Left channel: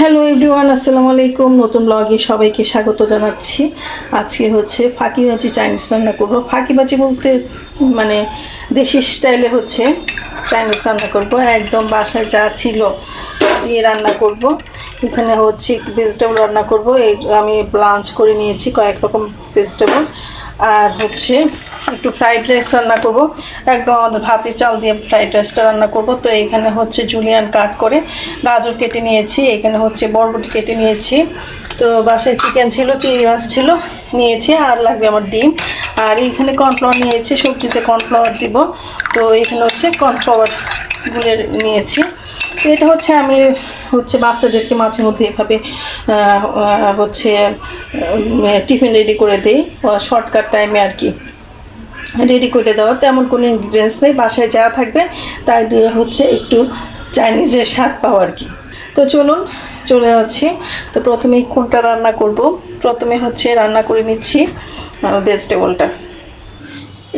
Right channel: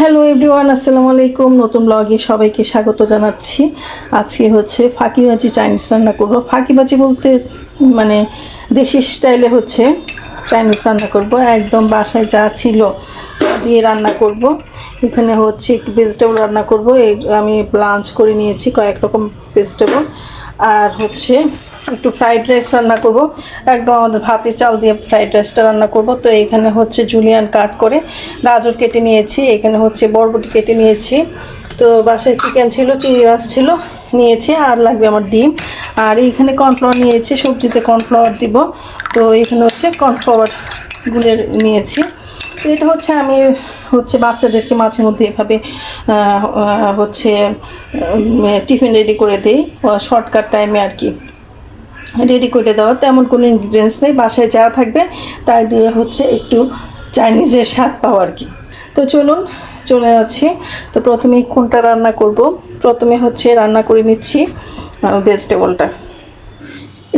Hello everyone আসসালামু আলাইকুম। নতুন ব্লগে সবাইকে স্বাগত জানাচ্ছি। আজকে হচ্ছে ফাঁকিবাজি চাইনিজ রান্না করব। ফাঁকিবাজি বলতে মানে দেশি স্টাইলে হচ্ছে চাইনিজ রান্না করব। একদম বাসায় যা ছিল দিয়ে রান্না করব। এখানে হচ্ছে একটু ভেজিটেবল রান্না করব। এই আমি লাঞ্চ করে নিয়েছি কয়েক রকম ভেজিটেবল আর হচ্ছে একটু ফ্রাইড রাইস রান্না করব। একদম আমাদের ভাতের চাল দিয়ে ফ্রাইড রাইসটা রান্না করব। তো এখানে হচ্ছে জুলিয়ান কাট করে গাজর কেটে নিয়েছি। এখানে হচ্ছে বরবটি কেটে নিয়েছি। তো বাসায় চিকেন ছিল, চিংড়ি মাছ ছিল, নিয়েছি। আর লাগবে আমার ডিম। আর এইখানে কর্নফ্লাওয়ার নিয়েছি, সবজিতে কর্নফ্লাওয়ার দিব। তো এখানে হচ্ছে কর্নফ্লাওয়ার গুলে নিয়েছি। তো এটা হচ্ছে আমি হচ্ছে বাচ্চাদেরকে মাঝে মধ্যে এভাবে হচ্ছে টিফিন রেডি করে দিই। শর্টকাট টাইমে আর কি। রেডি করে দেওয়া, তেমন কোনো ইনগ্রিডিয়েন্টস নেই, বাসায় যা থাকবে তাই দিয়ে হচ্ছে একটু চাইনিজের স্বাদ পাওয়া আর কি। তো চলুন, চলে যাচ্ছি। তো প্রথমে কোনটা রান্না করব? প্রথমে হচ্ছে রান্না করে নিচ্ছি ভেজিটেবলটা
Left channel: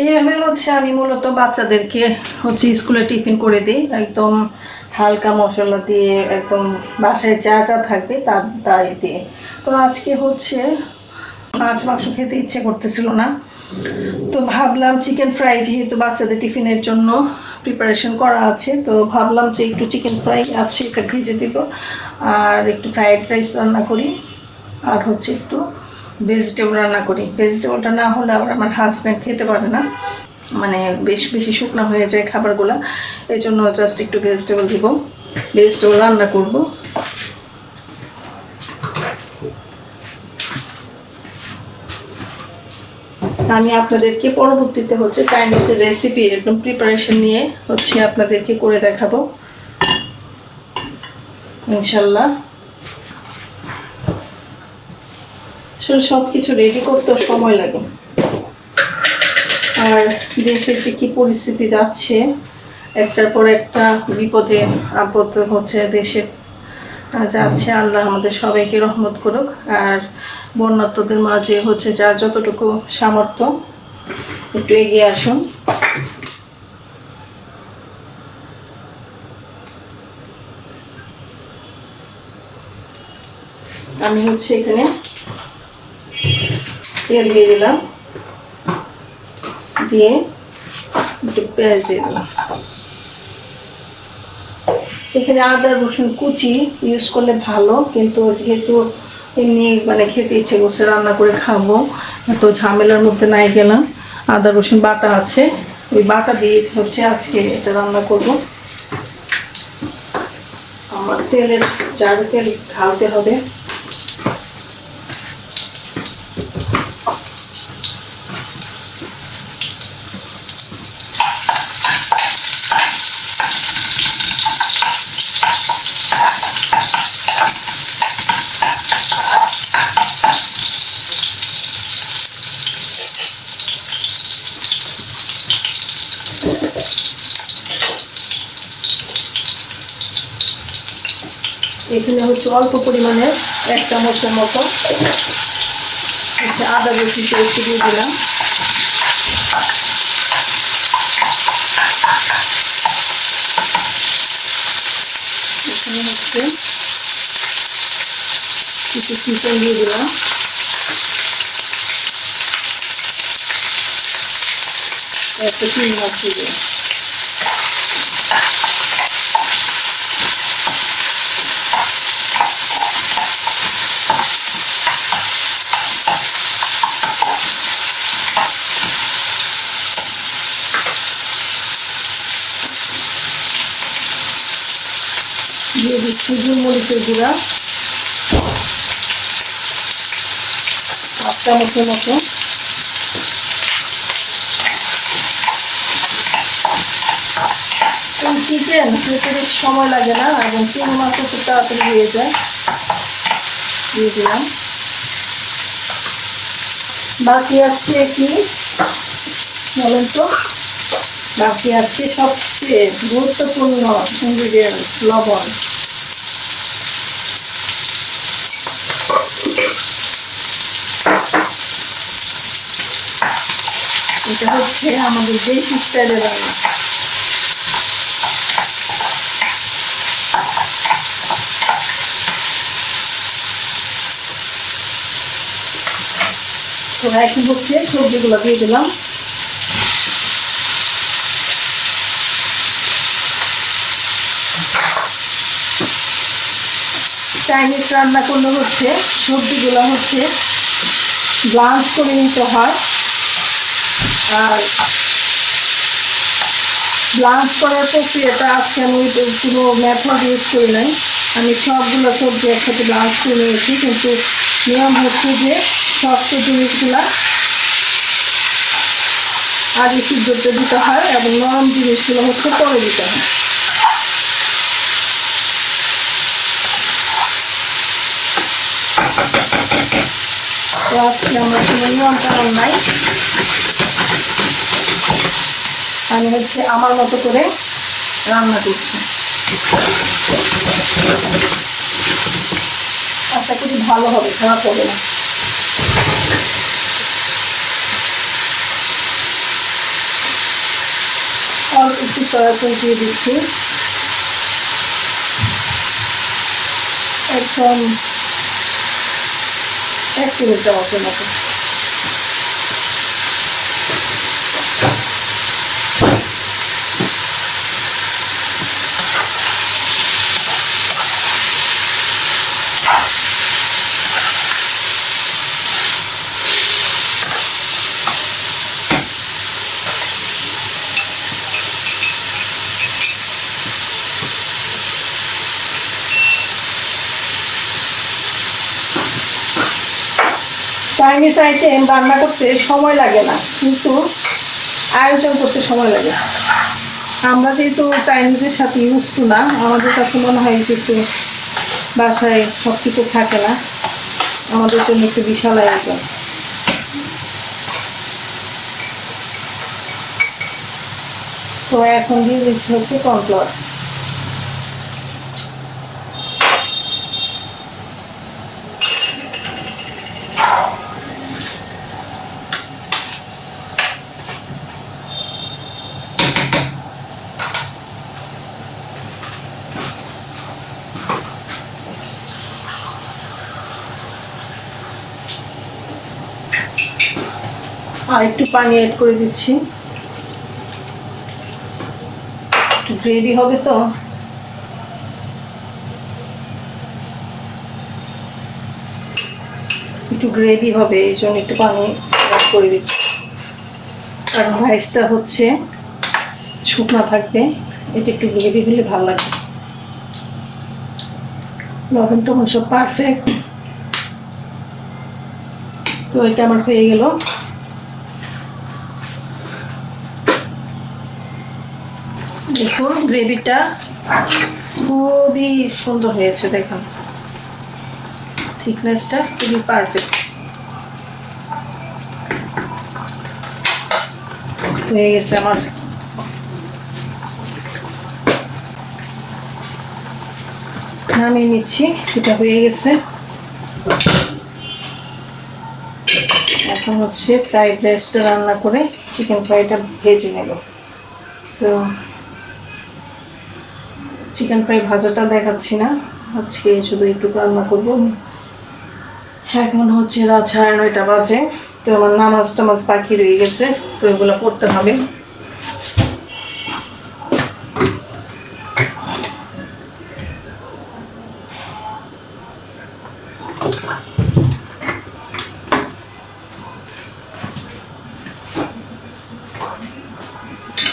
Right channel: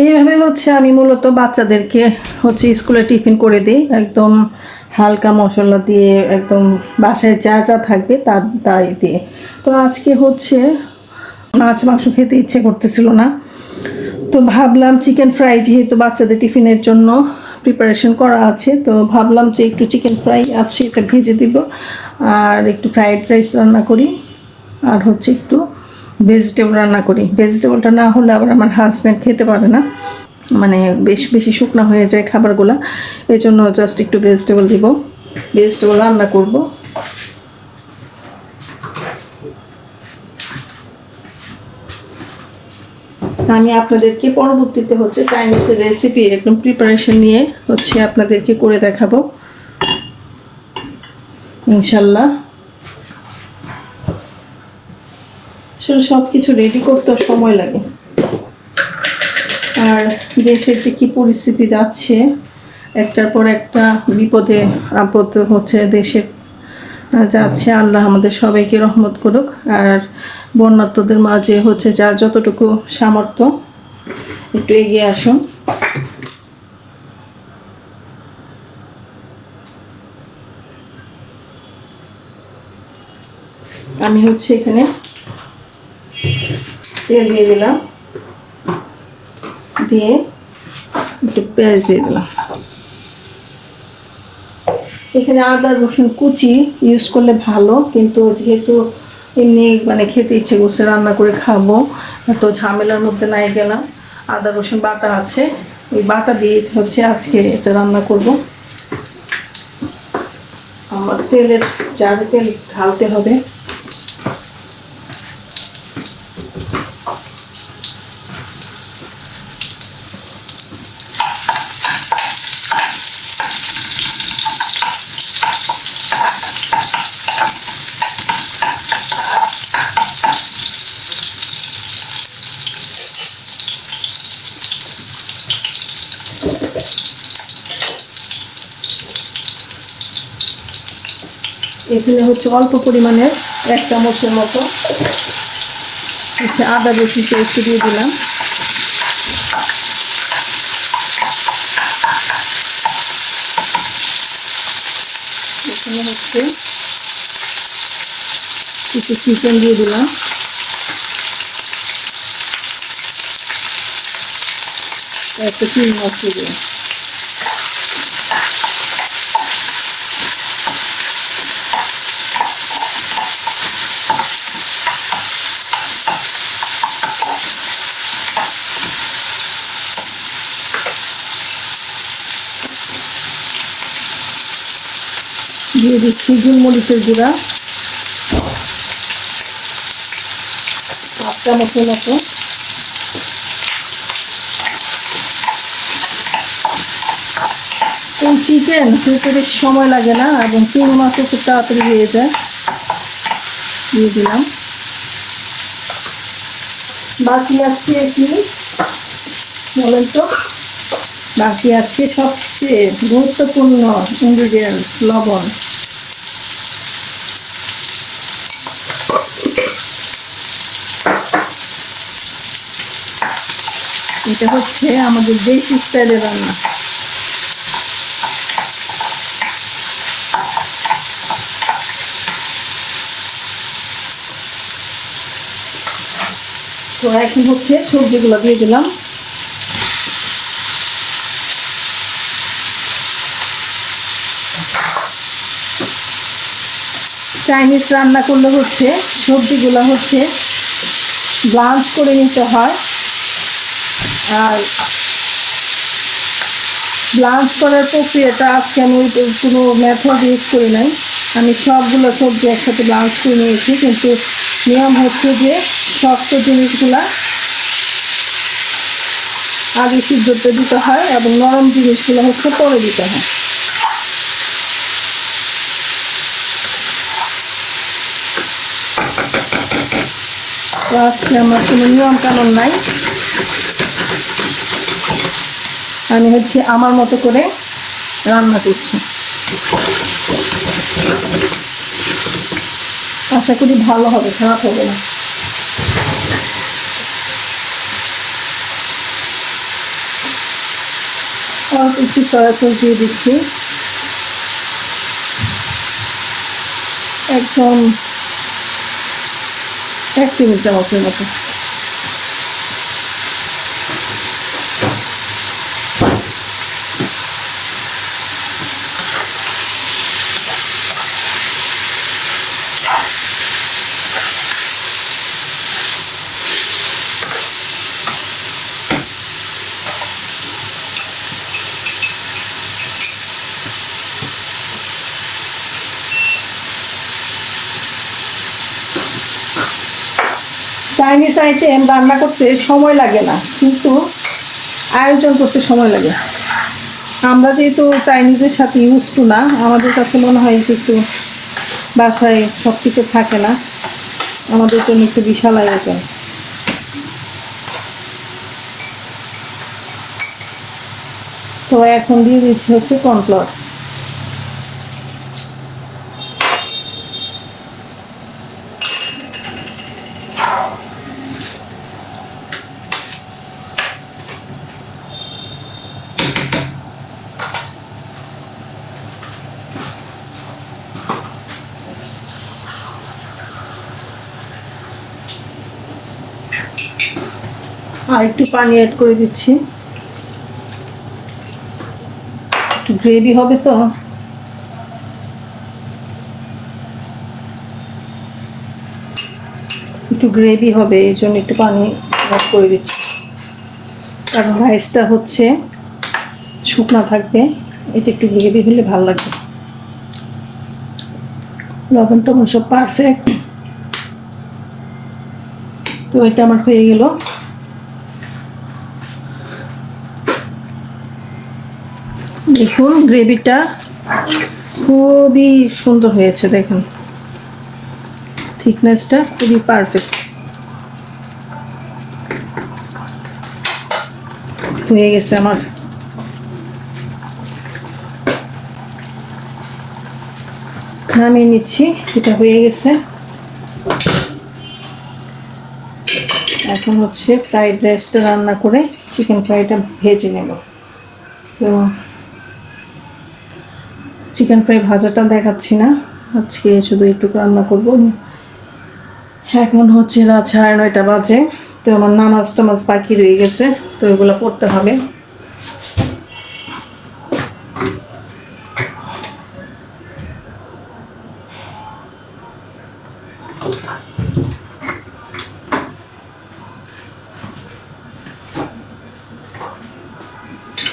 এইভাবে হচ্ছে আমি মূলত বাচ্চাদেরকে হচ্ছে স্কুলে টিফিন করে দিই। একদম হালকা মশলা দিয়ে একদম বাসায় যা যা থাকবে তা তাই দিয়ে। তো আজকে হচ্ছে মাছ মাংস খেতে ইচ্ছে করতেছিল না। তো ভাবলাম চিকেন ফ্রাই যেহেতু বাচ্চাদের টিফিনের জন্য প্রিপারেশন করা আছে, তো ভাবলাম যে একটু চিকেন ফ্রাই আছে, এটা ভেজে দিব। আর একটু ফ্রাইড রাইস রান্না করি। আর হচ্ছে একটু ভেজিটেবল রান্না করি। ভেজিটেবলটা না হলে আবার আমার হাজব্যান্ড খেতে পারে না। মানে বেশ বেশি শুকনো হয়ে যায় খাবারগুলো। এই জন্য জাস্ট একটু ভেজিটেবল দিব। ভেজিটেবল রান্না করব। আমি আপনাদেরকে পরবর্তীতে হচ্ছে চাইনিজের রেসিপি একদম প্রিপারেশন নিয়ে হচ্ছে আপনাদেরকে করে দেখাবো। ইনশাল্লাহ আসলে সব কিছু রেডি করতেও সময় লাগে। আর দেশের যে কি পরিস্থিতি যাচ্ছে, একটার পর একটা বিপদে আপদ হচ্ছে দেশে যাচ্ছে। আল্লাহ আমাদের সবাইকে রহমত করুক। আর বন্যাত্মদের মাঝে হচ্ছে যার যতটুকু সামর্থ্য একটু এগিয়ে আসুন। আমি হচ্ছে এখানে তেল দিয়ে দিলাম। দিয়ে একটু পেঁয়াজ দিয়ে দিলাম। এখানে আদা, রসুন কুচি ইউজ করলে ভালো, কিন্তু যেহেতু এমনি মানে খেতে ইচ্ছে করছে, রান্না করে খাব, তো ঝামেলার মধ্যে নাই গেলাম। আদা, রসুন বাটা আছে, ওই বাটা দিয়ে হচ্ছে আজকে এটা রান্না করব। আমার তেলের চার তেল ঢালতে হবে এখানে হচ্ছে অল্প পরিমাণে এক চামচের মতো আদা রসুন পেস্ট দিয়ে দিলাম। এখানে হচ্ছে কিছু চিকেন দিয়ে দিলাম। একটা চিনি মাছ দিয়ে দিলাম। দিচ্ছি গোলমরিচের গুঁড়া। হাফ মতো এই চিকেন খেতে বেশি সময় লাগে না, এবং চিংড়ি মাছও খুব তাড়াতাড়ি হয়ে যায়। দিয়ে দিলাম। বাকি আছে কি? বলেন তো। বাকি আছে সবচেয়ে গুরুত্বপূর্ণ ইনগ্রিডিয়েন্টস লবণ। এটা হচ্ছে, আমাদের দেশি স্টাইলের রান্না। তো এখন হচ্ছে সবজিগুলো দিয়ে দিলাম। চাইনিজ রান্না করলে হচ্ছে সবজিগুলো হচ্ছে ব্লাঞ্চ করে নিতে হয়। আর ব্লাঞ্চ করার প্রক্রিয়াটা আজকে আমি কোনো মেথড ইউজ করি নাই। আমি সবগুলো সবজি একসাথে ব্লাঞ্চ করে নিয়েছি, কিন্তু নিয়ম হচ্ছে যে শক্ত জিনিসগুলা আগে সিদ্ধতে দিতে হয় এবং নরম জিনিসগুলো হচ্ছে পরে দিতে হয়। আজকে আমার কোনো নিয়ম কানুন নাই। আমি হচ্ছে আমার মতো করে রান্না করছি। আশা করি ভালো হবে, খারাপ হবে না। অল্প একটু সয়া সস দিয়ে দিচ্ছি। একদম এক টেবিল চামচের মতো। চাইনিজ আইটেম রান্না করতে সময় লাগে না, কিন্তু আয়োজন করতে সময় লাগে। আমরা যেহেতু চাইনিজের সাথে ইউজ টু না, আমাদের কাছে মনে হয় যে একটু বাসায় সব কিছু থাকে না, আমাদের জন্য একটু বিশাল আয়োজন। তো এখন দিয়ে দিচ্ছি হচ্ছে কর্নফ্লাওয়ার আর একটু পানি অ্যাড করে দিচ্ছি। একটু গ্রেভি হবে তো। একটু গ্রেভি হবে, এই জন্য একটু পানি অ্যাড করে দিচ্ছি। কারণ রাইসটা হচ্ছে শুকনা থাকবে। এটা একটু গ্রেভি হলে ভালো লাগবে। লবণ টবণ সব পারফেক্ট তো এটা আমার হয়ে গেল। দেখুন গ্রেভিটা খুবই সুন্দর হয়েছে, দেখুন। থিকনেসটা খুবই পারফেক্ট হয়ে গেছে আমার। নামিয়ে নিচ্ছি, এটা হয়ে গেছে। এখন হচ্ছে ফ্রাইড রাইসটা রান্না করে চিকেন ফ্রাইটা ভেজে নেব। তো চিকেন ফ্রাই ভাজাটা দেখাচ্ছি না। আজকে শুধু একটু রান্না করব। এখন হচ্ছে রাত সাড়ে নয়টা বাজে। তো আমার নামাজ টামাজ বাকি রয়ে গেছে, তো এগুলো করতে হবে।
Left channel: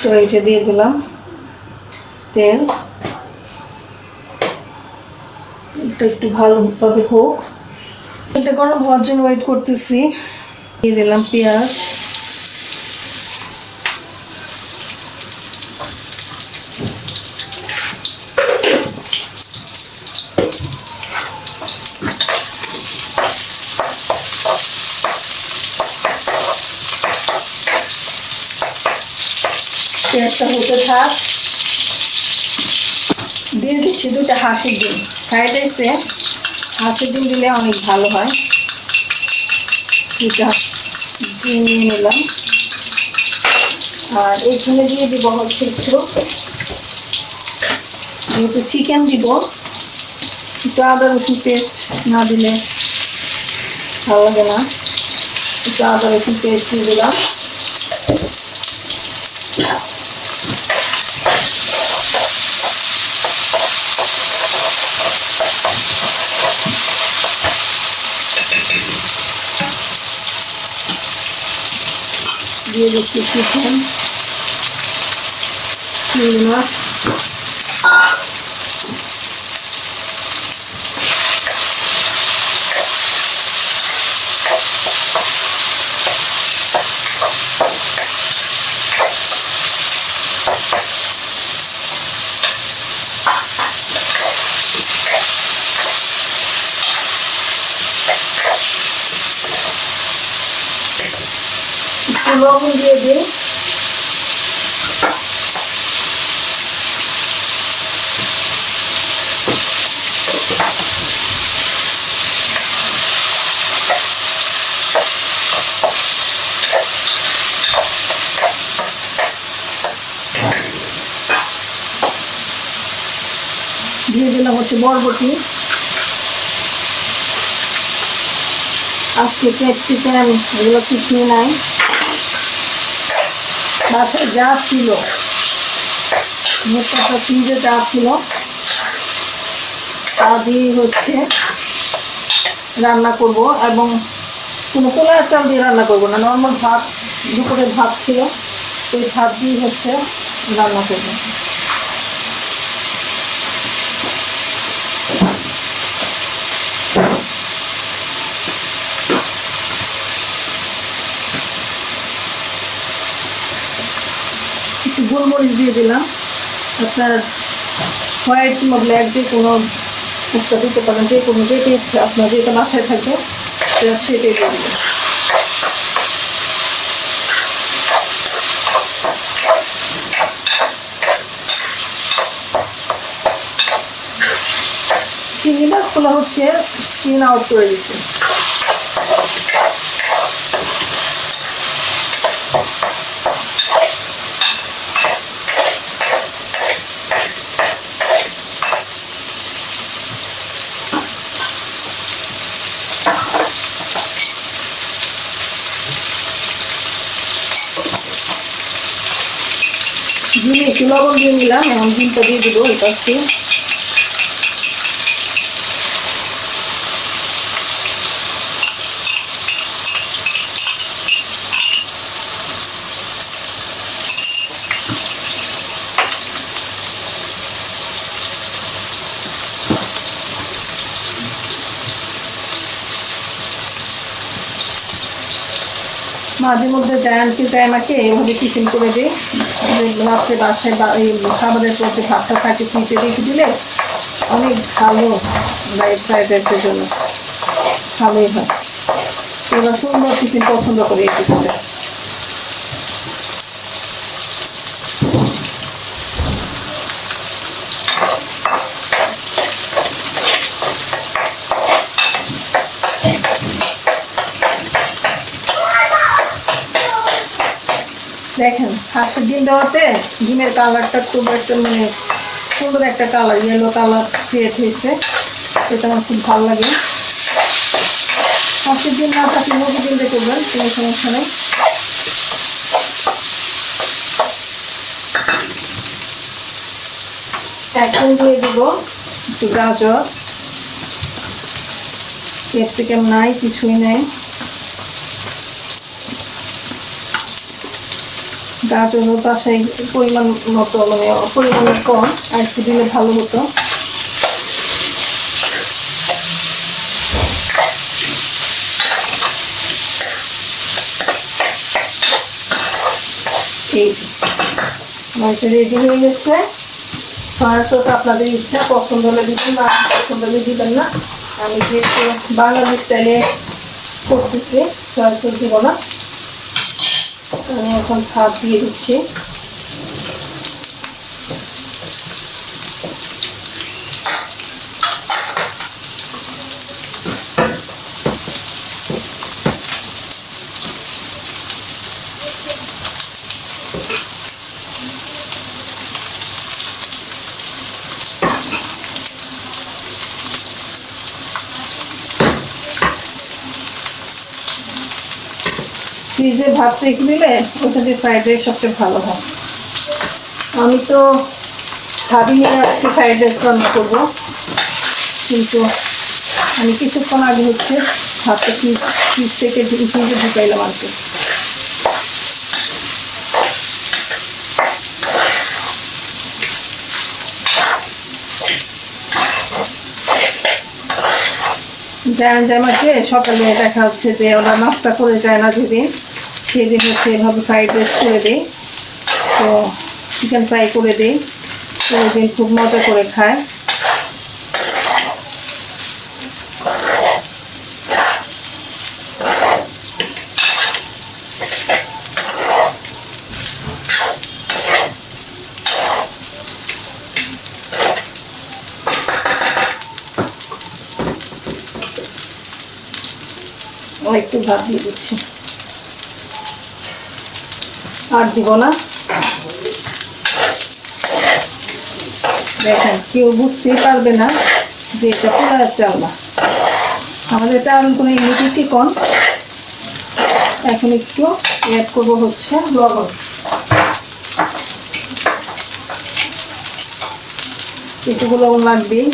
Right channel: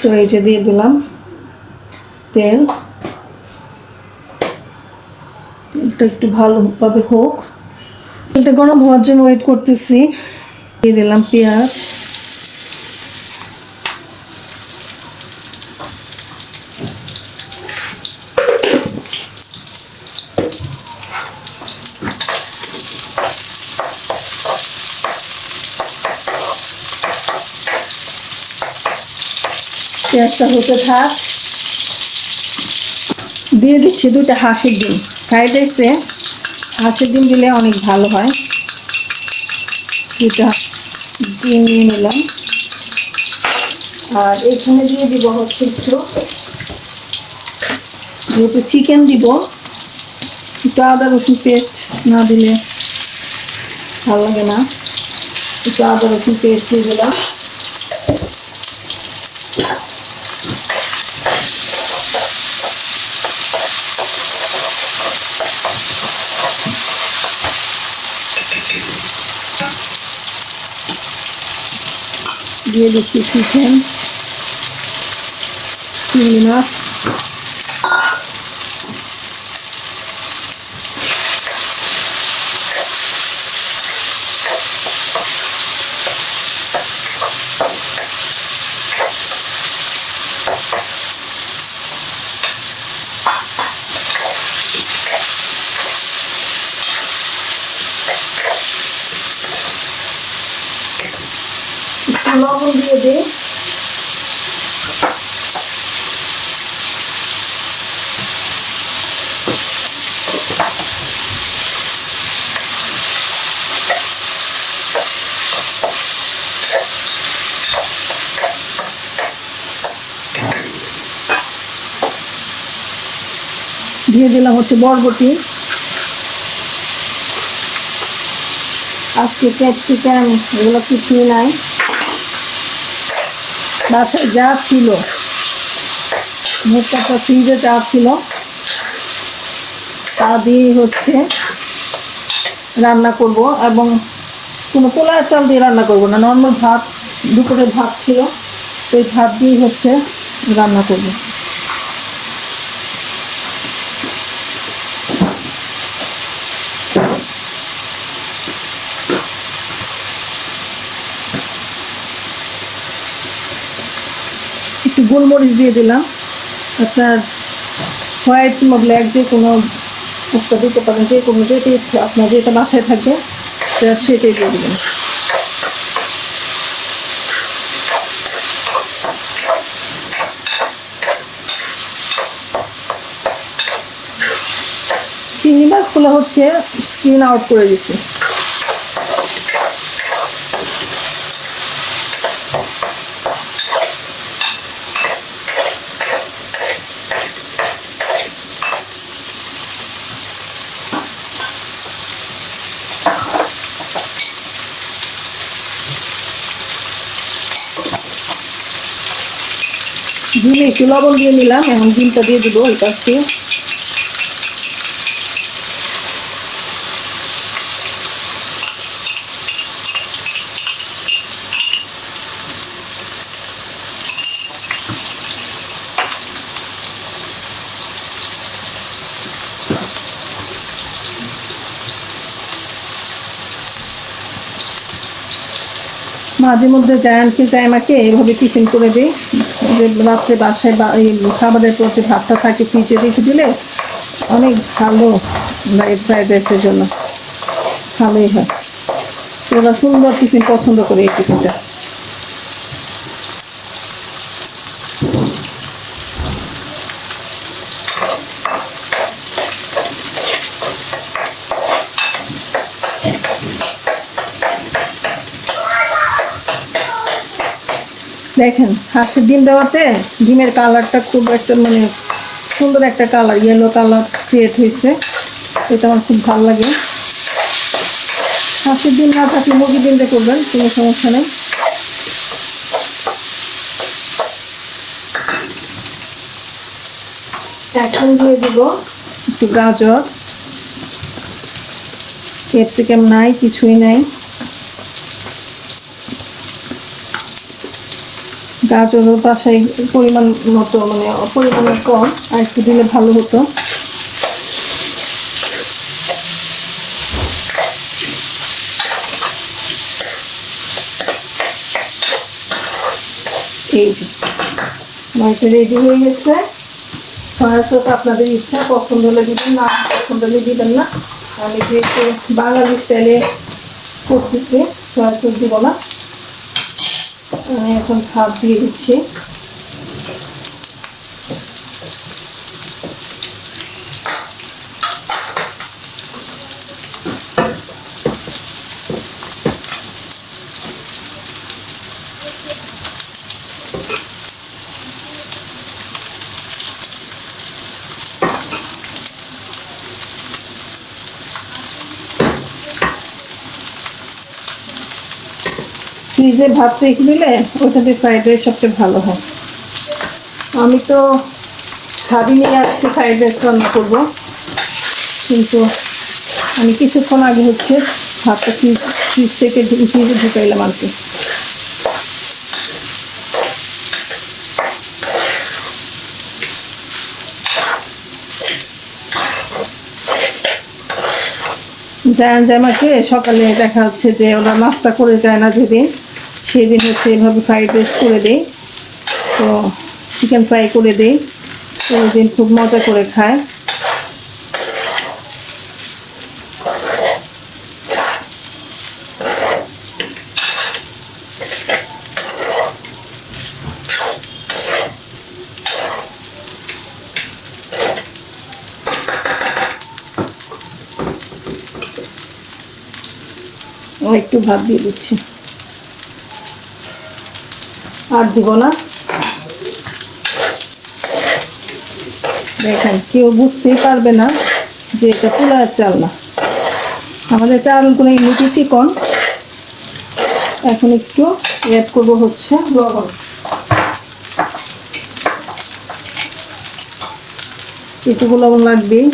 তো এই যে দিয়ে দিলাম তেল। এটা একটু ভালোভাবে হোক। তেলটা গরম হওয়ার জন্য ওয়েট করতেছি। দিয়ে দিলাম পেঁয়াজ। পেঁয়াজটা হতে থাক। দিয়ে দিচ্ছি দুটো হাঁসের ডিম। ফ্রাইড রাইসে হাঁসের ডিম দিলে অনেক ভালো হয়। দুটা ডিম নিয়ে নিলাম। আর এখানে দিয়ে দিব হচ্ছে একটু যেহেতু চিকেন দিব, একটু আদা রসুন পেস্ট না দিলে ভালো লাগে না। একটু আদা রসুন পেস্ট দিয়ে দিলাম। দিয়ে দিচ্ছি চিকেন চিংড়ি মাছ লবণ দিয়ে দিই। দিয়ে দিলাম হচ্ছে বরবটি। আজকে ক্যাপসিকাম এগুলো কিছুই নাই। বাসায় যা ছিল, মুখটা ফ্রিজে যা ছিল, তা দিয়ে হচ্ছে রান্না করব এবং কোনো পোলার চাল দিয়ে রান্না করব না নর্মাল ভাত, দুপুরের ভাত ছিল, সেই ভাত দিয়ে হচ্ছে রান্না করব একটু গোলমরিচ দিয়ে দিলাম। আপনার হোয়াইট কিংবা ব্ল্যাক যে কোনো একটা দিতে পারেন যে কোনো ইচ্ছা আপনার যেটা বাসায় থাকে, সেটা সেটাই দিয়ে দেবেন চিংড়ি মাছগুলো হচ্ছে স্কিন আউট করে দিচ্ছে ডিমে একটু লবণ এবং ডিমটা দিয়ে দিব এটা পাশে মাঝে মধ্যে জায়ান্টকে আমাকে, এভাবে টিফিন করে দিই যে বাসায় খাবারের পথে ভাতটা থাকে, ফ্রিজে রেখে দিলে অনেক ভালো ফ্রাইড রাইসের জন্য। ভালোই হয়। এবার সুন্দর টিফিন পছন্দ করে এই টিফিনটা। দেখেন, হাঁসের ডিম দেওয়াতে ডিমের কালারটা খুব একটা মানে সুন্দর একটা কালার ইয়েলো কালার ক্রিয়েট হয়েছে। এটা আমার খুব ভালো লাগে। হাঁসের ডিম না মুরগি ডিম দিয়ে করবেন, কোনো সমস্যা নেই। এখন দিয়ে দিব একটু গাজর। ক্যাপসিকাম নাই, কিছুই নেই। গাজরও বাসায় পরিমাণ মতো মানে পরিমাণ কম, আর একটু দিলে ভালো হতো। রেডি হয়ে গেছে। সয়া সস আপনাদের ইচ্ছা, পছন্দ হলে দিবেন, না পছন্দ হলে দিবেন না। আমি যেহেতু বাঙালি স্টাইলে করতেছি সয়া সস দিব না। এখন ভাত দিয়ে দিচ্ছি। ভাত রেখে দিলে ওটা দিয়ে ফ্রাইড রাইস সবচেয়ে ভালো হয়। আমি তো ভাবিনি আজকে ফ্রাইড রাইস রান্না করব। কিন্তু আমি কিছুক্ষণ আগে হচ্ছে ভাতটা ফ্রিজ ফ্রিজ থেকে ফ্রিজে ঢুকাইলাম আর কি। যায় জামাকে সকালে দেখা যাচ্ছে যে ওরা নাস্তা করে যায় না যদি সেদিন হচ্ছে এভাবে ফ্রাইড রাইস করে দিই। তো চিকেন ফ্রাই করে দিই। তো দিন খুব মজা করে খায়। ও একটু ভাত দিয়ে দিচ্ছি। আর দিব না। দেখেন, কেউ বুঝতেই পারবে না যে এটা পোলার চাল না। আমাদের চালগুলো এমনিতে চিকন। এখন একটু অ্যাড করব হচ্ছে লবণ। একটু লবণ লাগবেই।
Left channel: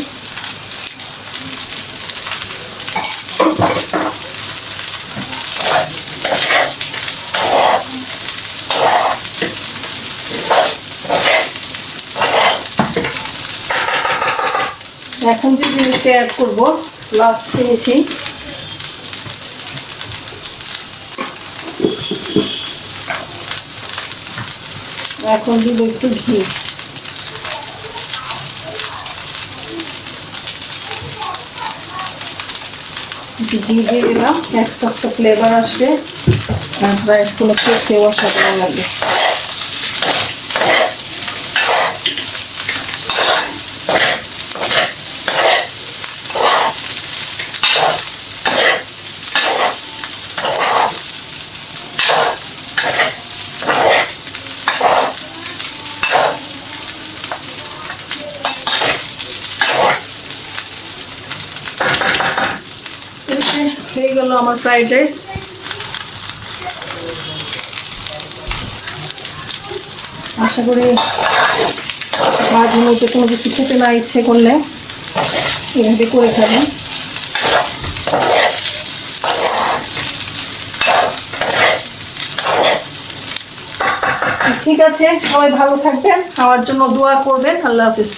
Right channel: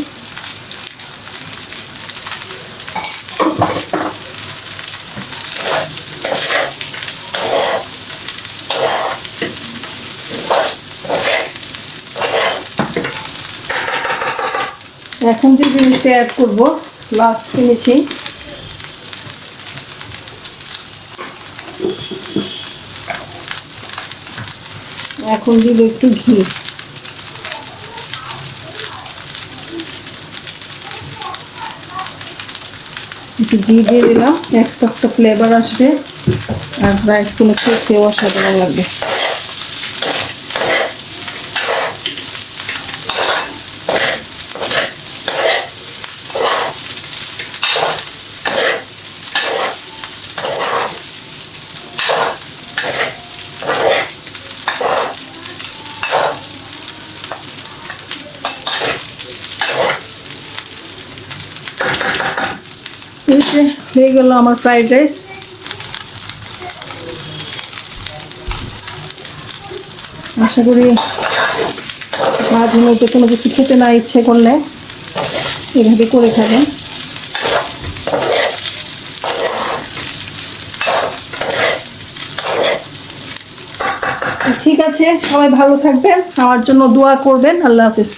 এখন যে জিনিসটা অ্যাড করব লাস্ট ফিনিশিং এখন দিব একটু ঘি। একটু ঘি দিয়ে দিলাম। এক্সট্রা ফ্লেভার আসবে। আর রাইসগুলো খেতেও অসাধারণ লাগবে। যে হয়ে গেল আমার ফ্রাইড রাইস আশা করি মাঝে মধ্যে কোনো কিছু খেতে না ইচ্ছে করলে এভাবে করে খাবেন ঠিক আছে, সবাই ভালো থাকবেন আমার জন্য দোয়া করবেন, আল্লাহ হাফিজ।